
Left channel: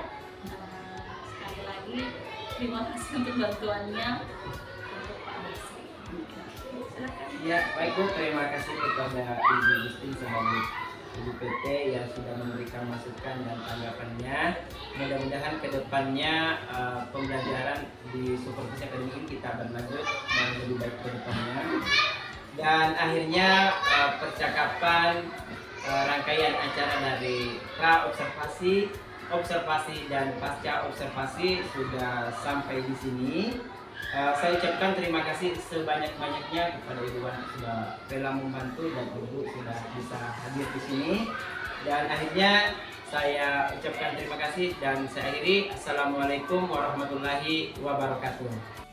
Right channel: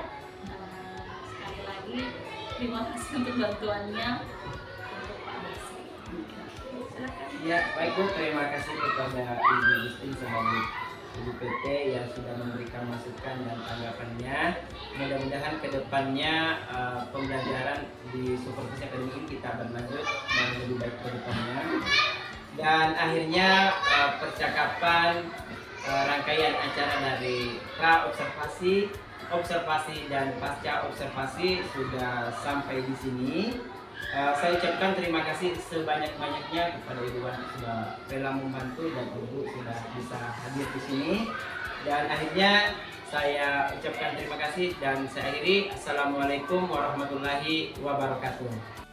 Sekali lagi terima kasih untuk bantuannya untuk Pak Basri. silakan. Ya, baik Bu, terima kasih kepada Ibu Justin sebagai Ibu PT yang sudah memberikan masukan dan tanggapannya. Mudah-mudahan kedepannya pembelajaran di Supervisi Akademik ini kita berlanjut dan lebih baik ke depannya. Dan akhirnya percakapan rangkaian acara dari pra observasi, observasi dan pasca observasi sudah sampai di sini. Saya ucapkan terima kasih sebanyak-banyaknya kepada Ibu Wan sudah rela membantu dan Ibu sudah bisa hadir di sini. Dan akhirnya saya ucapkan terima kasih dan saya akhiri. Assalamualaikum warahmatullahi wabarakatuh.